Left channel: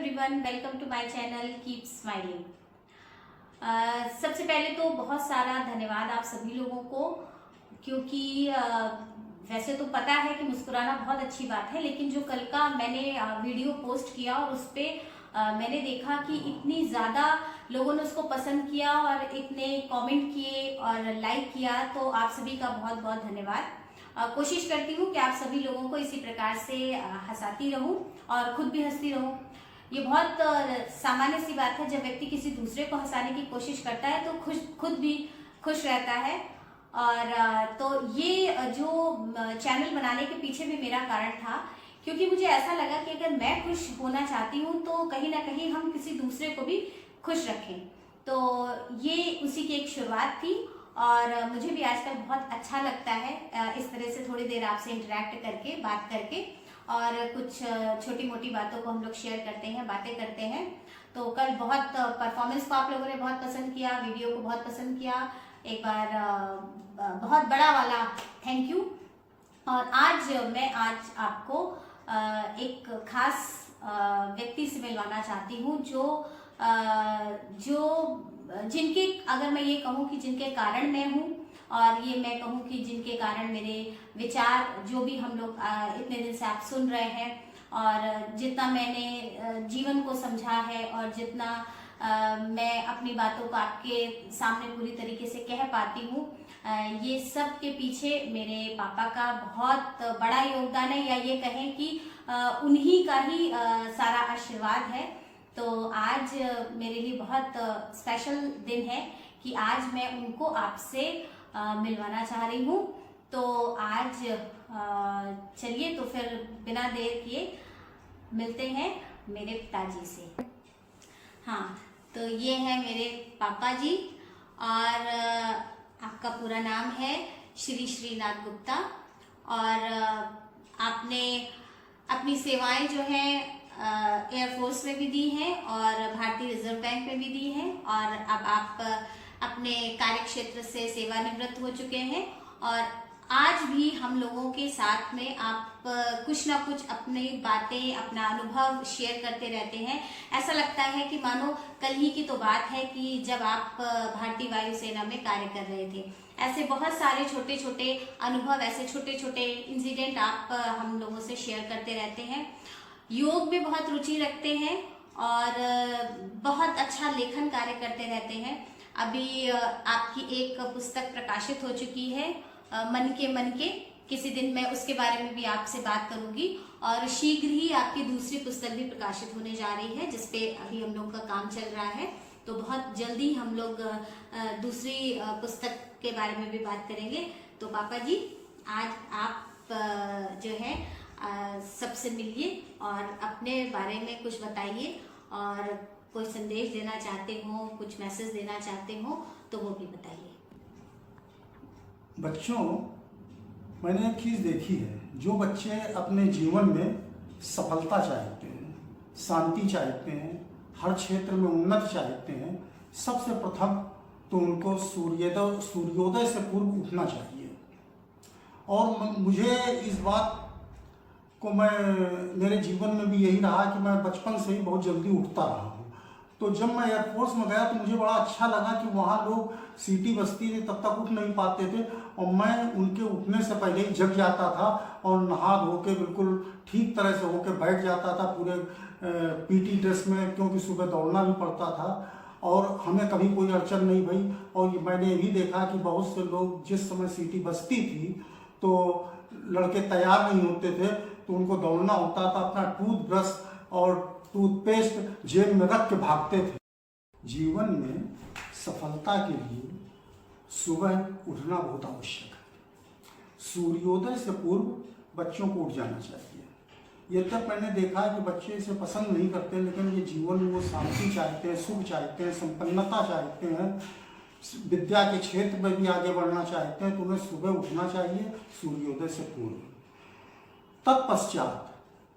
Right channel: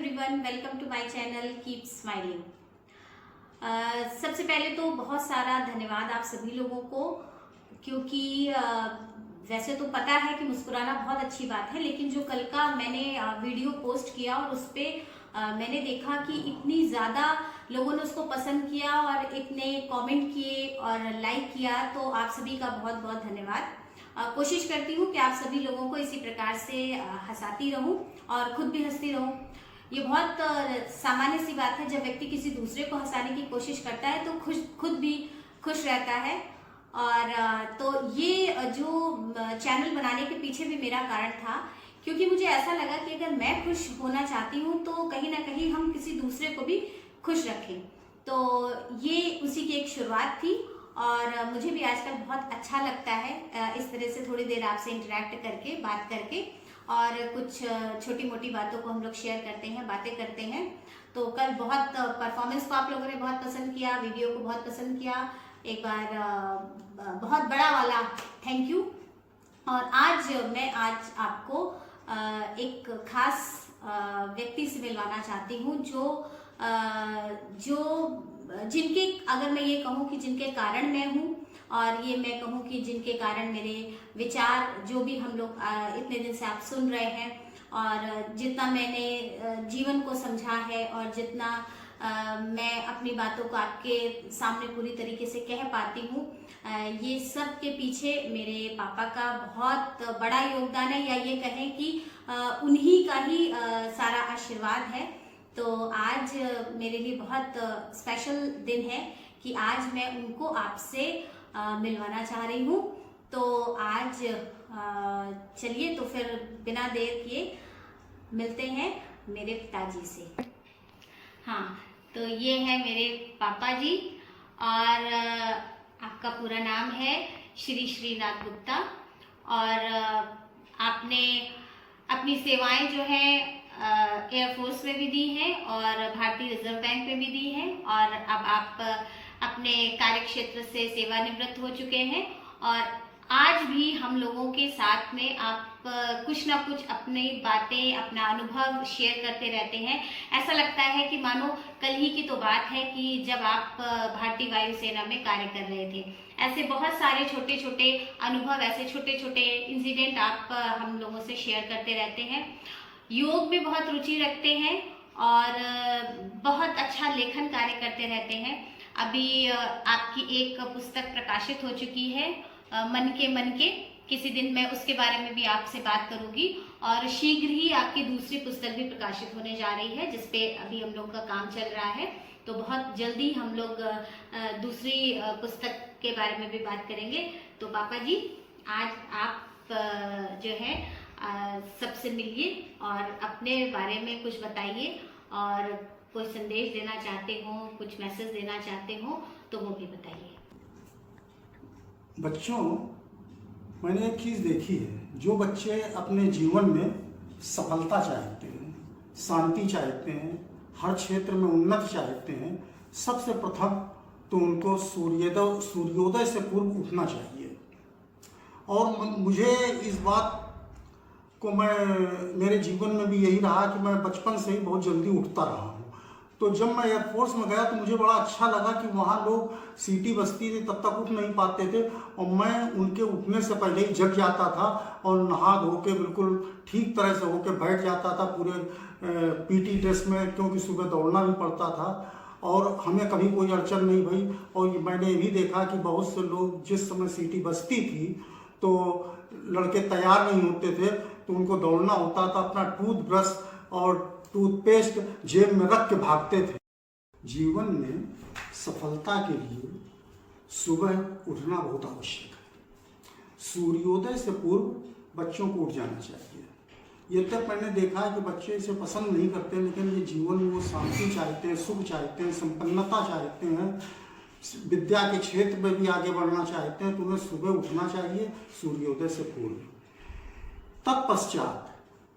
Everyone, welcome to my channel keep smiling. सबसे पहले तो बहुत सारा धन्यवाद आप सभी लोगों को, क्योंकि वैसे तो पता है कि मुस्कुराना बहुत अच्छी बात है, लेकिन जो कल का मैंने वीडियो पोस्ट किया और उस पर मैंने देखा कि इतनी ज़्यादा लोगों ने उसको पसंद किया और इतने कमेंट किए और लाइक किया, तो आप सभी का बहुत बहुत धन्यवाद। कोशिश करती हूँ कि आप सभी लोगों को इसी प्रकार से हंसाती रहूं और खुद भी हंसती रहूं। ये बहुत सामान्य सी बात है, जब व्यक्ति किसी दूसरे को हंसाने की कोशिश करता है तो खुद भी खुश रहता है। और तो ये जो चैनल बनाने के पीछे भी मेरा कारण था, क्योंकि मुझे ऐसा लगा कि अगर मैं खुश होना चाहती हूँ तो कहीं ना कहीं हम किसी दूसरे को भी खुश रखें। तो ये उसी की एक शुरुआत थी और मुझे भी आजकल बहुत अच्छा लगता है इस तरह से थोड़ी देर आपसे इंटरेक्ट करके, बात करके, और कुछ छोटी मोटी बातों को हम लोग शेयर करते हैं, बातें करते हैं। तो कल बहुत परफॉर्मेंस को आप लोगों ने बहुत पसंद किया, वीडियो को बहुत पसंद किया। एक बार बहुत बड़ा वाला थैंक यू। और आज मैं आपको एक खास व्यक्ति से मिलवाना चाहती हूँ, जो जिनके, अगर मैं ये कहूँ कि जिनके कारण मैं हूँ, और ये मैं कहूँ कि जिनके कारण मेरे विचार, जो भी हम लोग इतने दिन से आप सुन रहे हैं, और जितना मैंने जीवन को समझा है और जितना मैं अपनी बातों को आपके सामने पूरी तरीके से कह पाती हूँ, ये सब के पीछे मेरे पापा का बहुत बड़ा योगदान है, या ये कहें कि उन्हीं का ही सारा आशीर्वाद है। तो आज मेरे लिए बहुत स्पेशल दिन है कि आज मैं उनको आपसे मिलवाना चाह रही हूँ। तो आज चलिए, तो फिर बिना देर किए मिलते हैं मेरे पिताजी से। हाँ, तो ये है मेरे पापा जी, और आपका पूरा नाम है श्री श्रीनाथ गुप्ता, और आपने अपनी सेवाएं जो है एयरफोर्स में भी दी हैं और भारतीय रिजर्व बैंक में भी दी हैं, और अब आप अपने कार्य क्षेत्र से सेवानिवृत्त हो चुके हैं। और आज भी हम लोगों के साथ में आप कुछ ना कुछ अपनी बातें, अपना अनुभव शेयर करते रहते हैं। ऐसा लगता है कि मानो कल ही की तो बात है कि जब आप भारतीय वायुसेना में कार्य कर रहे थे। ऐसे बहुत सारे छोटे छोटे अनुभव, ऐसे छोटे छोटे इंसिडेंट आप हम लोगों से शेयर करते रहते हैं। योग में बहुत रुचि रखते हैं और बहुत अच्छा लेखन कार्य करते रहते हैं। अभी आपकी एक पुस्तक प्रकाशित हो चुकी है, मन के। किसी दिन मैं उसके बारे में भी आपसे बात करूंगी, और शीघ्र ही आपकी दूसरी पुस्तक भी प्रकाशित होने जा रही है, जिसपे अभी हम लोग का काम चल रहा है। तो बहुत जल्दी हम लोग दूसरी पुस्तक के बारे में भी बात करेंगे। तो पापा जी, आज आप जो है सबसे मिलिए और अपने बारे में कुछ बताइए, और कोई संदेश देना चाहते हो, कुछ मैसेज देना चाहते हो तो वो भी बताइए। बच्चों, मैंने एक चीज़ देखी है, जो बच्चे अपने जीवन में सफलता चाहते हैं, शांति चाहते हैं, हर क्षेत्र में उन्नति चाहते हैं, सबसे प्रथम तो उनको सूर्योदय से पूर्व उठना चाहिए। और मुझे इस बात को मेरे जीवन में भी यही रहा कि मैं बचपन से ही बहुत जल्दी उठता रहा हूँ। तो जब मैं एयरफोर्स में गया तो मुझे बड़ा अच्छा लगा कि वहाँ लोग सीटी बजती थी तब तक उठ नहीं पाते थे, और मैं उनके उठने से पहले ही जग जाता था और नहा धो के बिल्कुल ठीक तरह से होके बैठ जाता था, पूरे पीटी ड्रेस में, क्योंकि सुबह दौड़ना भी पड़ता था और हमें कभी कोई अड़चन नहीं भई। और मैंने भी देखा कि बहुत से लोग जिस समय सीटी बजती थी तो लड़के तैयार नहीं होते थे, तो उनको दौड़ना होता था, अपना टूथब्रश और टूथपेस्ट जेब में रख के भागते थे। जीवन में सफलता के लिए सुबह उठना बहुत आवश्यक है। सूर्योदय से पूर्व बच्चों को उठ जाना चाहिए। ये तब मैंने देखा है कि बच्चे इसे पसंद नहीं करते, लेकिन ये जीवन में वो शांति चाहते हैं, सुख चाहते हैं, संपन्नता चाहते हैं, विद्या के क्षेत्र में भी आगे बढ़ना चाहते हैं, तो उन्हें सुबह उठना चाहिए सूर्योदय से पूर्व। तत्पश्चात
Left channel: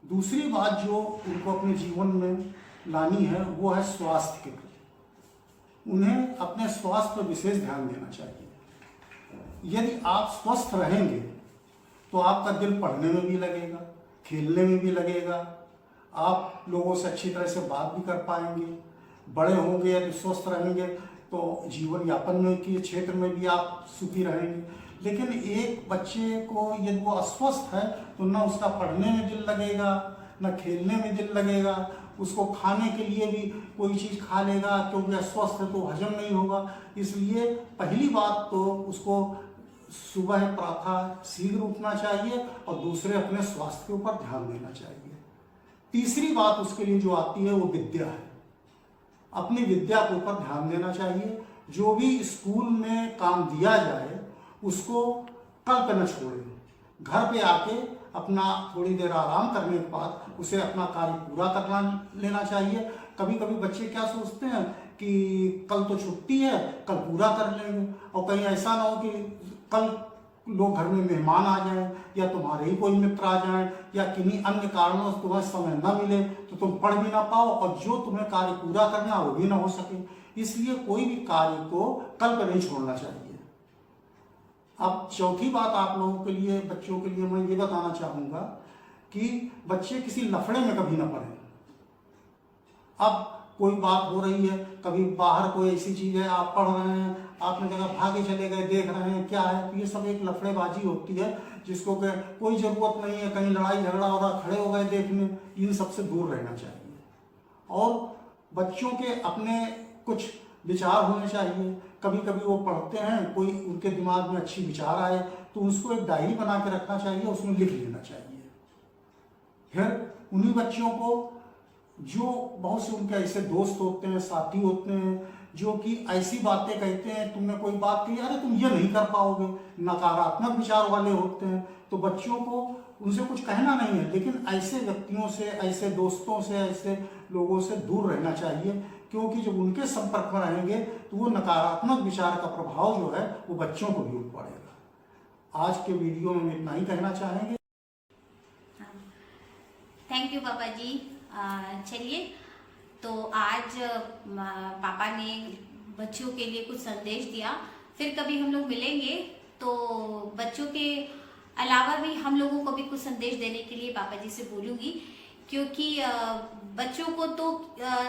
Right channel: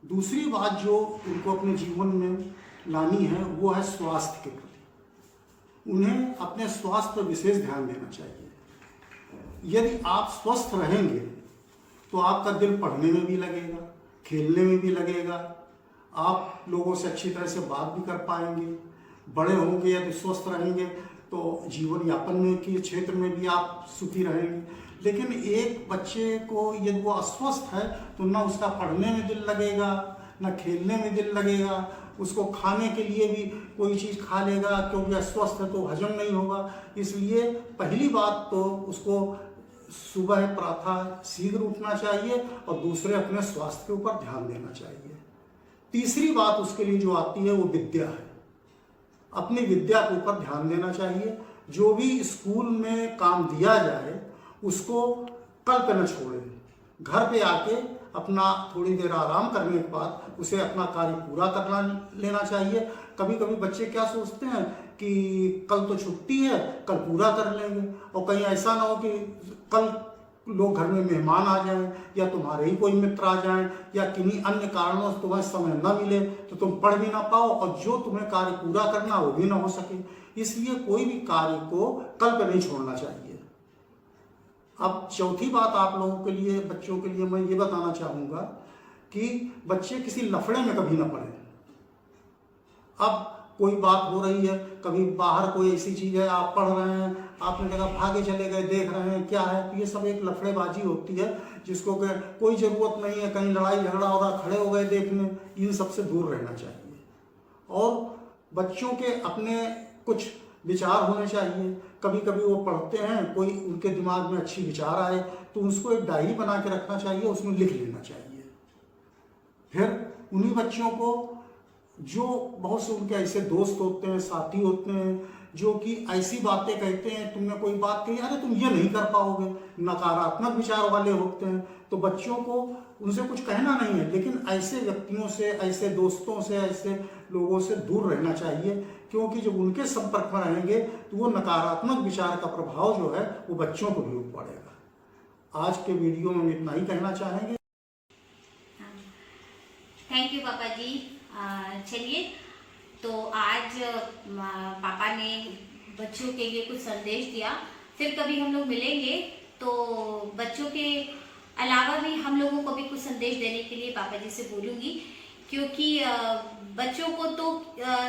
दूसरी बात जो उनको अपने जीवन में लानी है वो है स्वास्थ्य के प्रति। उन्हें अपने स्वास्थ्य पर विशेष ध्यान देना चाहिए। यदि आप स्वस्थ रहेंगे तो आपका दिल पढ़ने में भी लगेगा, खेलने में भी लगेगा, आप लोगों से अच्छी तरह से बात भी कर पाएंगे। बड़े होंगे यदि स्वस्थ रहेंगे तो जीवन यापन में के क्षेत्र में भी आप सुखी रहेंगे। लेकिन एक बच्चे को यदि वो अस्वस्थ है तो ना उसका पढ़ने में दिल लगेगा, ना खेलने में दिल लगेगा, उसको खाने के लिए भी कोई चीज़ खा लेगा, क्योंकि अस्वस्थ है तो हजम नहीं होगा। इसलिए पहली बात तो उसको सुबह प्रातः शीघ्र उठना चाहिए और दूसरे अपने स्वास्थ्य के ऊपर ध्यान देना चाहिए। तीसरी बात उसके लिए जो आती है वो विद्या है। अपनी विद्या के ऊपर ध्यान देना चाहिए। जो भी स्कूल में काम दिया जाए उसको कल पे न छोड़े, घर पे आके अपना थोड़ी देर आराम करने के बाद उसे अपना कार्य पूरा करना लेना चाहिए। कभी कभी बच्चे क्या सोचते हैं कि कल तो छुट्टी है, कल पूरा कर लेंगे, और कहीं ऐसा ना हो कि कल लोग घर में मेहमान आ जाएं या तुम्हारे ही कोई मित्र आ जाएं या किन्हीं अन्य कारणों से तुम्हें समय न मिले तो तुम पढ़ भी ना पाओ और जो तुम्हें कार्य पूरा करना वो भी ना हो सके। इसलिए कोई भी कार्य को कल पे नहीं छोड़ना चाहिए। अब चौथी बात आप लोगों के लिए, बच्चों के लिए मैं ये बताना चाहूँगा कि बच्चे किसी लफड़े में कभी ना पड़े। अब कोई बात हो रही है, कभी बाहर कोई ऐसी चीज़ है, आप पढ़ रहे हैं, आपने जगह भागे चले गए, देख रहे हैं क्या है, तो ये सब एक लफड़ेबाजी होती है जिसको कि कोई ज़रूरत नहीं है। कहीं लड़ाई झगड़ा हो रहा, खड़े हो गए देखने, इन सब से दूर रहना चाहिए। और बच्चों के अपने कुछ विचार होने चाहिए। कभी कभी वो पढ़ते हैं, कोई उनके दिमाग में अच्छी विचार आए तो उसको एक डायरी बना के रखना चाहिए, उसमें लिख लेना चाहिए। फिर उन्हीं बच्चों को जो बहुत से उनके ऐसे दोस्त होते हैं, साथी होते हैं जो कि ऐसी बातें कहते हैं, तुमने कोई बात कही, अरे तुम ये नहीं कर पाओगे, नकारात्मक विचार वाले होते हैं, तो बच्चों को उनसे कुछ कहना नहीं है, लेकिन ऐसे व्यक्तियों से, ऐसे दोस्तों से, ऐसे लोगों से दूर रहना चाहिए। क्योंकि जब उनके संपर्क में रहेंगे तो वो नकारात्मक विचार का प्रभाव जो है वो बच्चों को भी पड़ेगा। आज के वीडियो में इतना ही कहना चाहेंगे। थैंक यू पापा जी। चलिए, तो आज पापा ने बच्चों के लिए कुछ संदेश दिया। फिर कभी हम लोग मिलेंगे तो बच्चों के अलावा भी हम लोगों को भी कुछ संदेश देने के लिए पापा जी से बोलूंगी, क्योंकि बच्चों को तो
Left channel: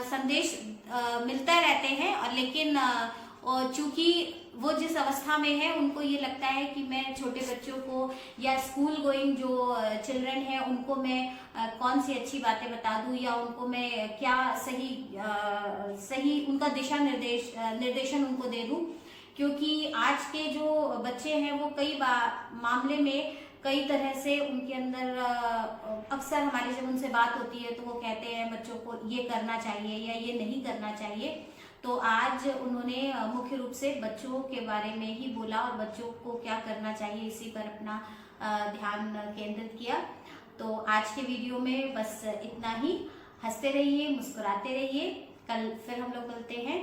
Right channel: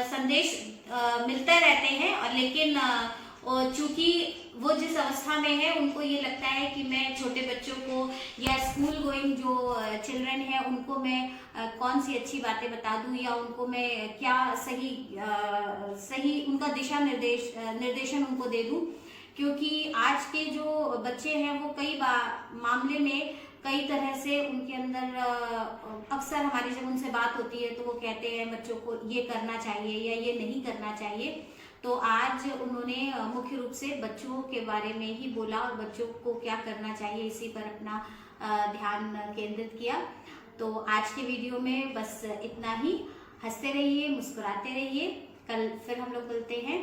संदेश मिलता रहते हैं, और लेकिन चूंकि वो जिस अवस्था में है उनको ये लगता है कि मैं छोटे बच्चों को या स्कूल गोइंग जो चिल्ड्रन है उनको मैं कौन सी अच्छी बातें बता दूं, या उनको मैं क्या सही उनका दिशा निर्देशन उनको दे दूं। क्योंकि आज के जो बच्चे हैं वो कई मामले में कई तरह से उनके अंदर अक्सर हमारी जब उनसे बात होती है तो वो कहते हैं बच्चों को ये करना चाहिए या ये नहीं करना चाहिए। तो आज उन्होंने मुख्य रूप से बच्चों के बारे में ही बोला और बच्चों को क्या करना चाहिए इसी पर अपना ध्यान केंद्रित किया। तो आज के वीडियो में बस इतना ही। हंसते रहिए, मुस्कुराते रहिए। कल फिर हम लोग मिलते हैं।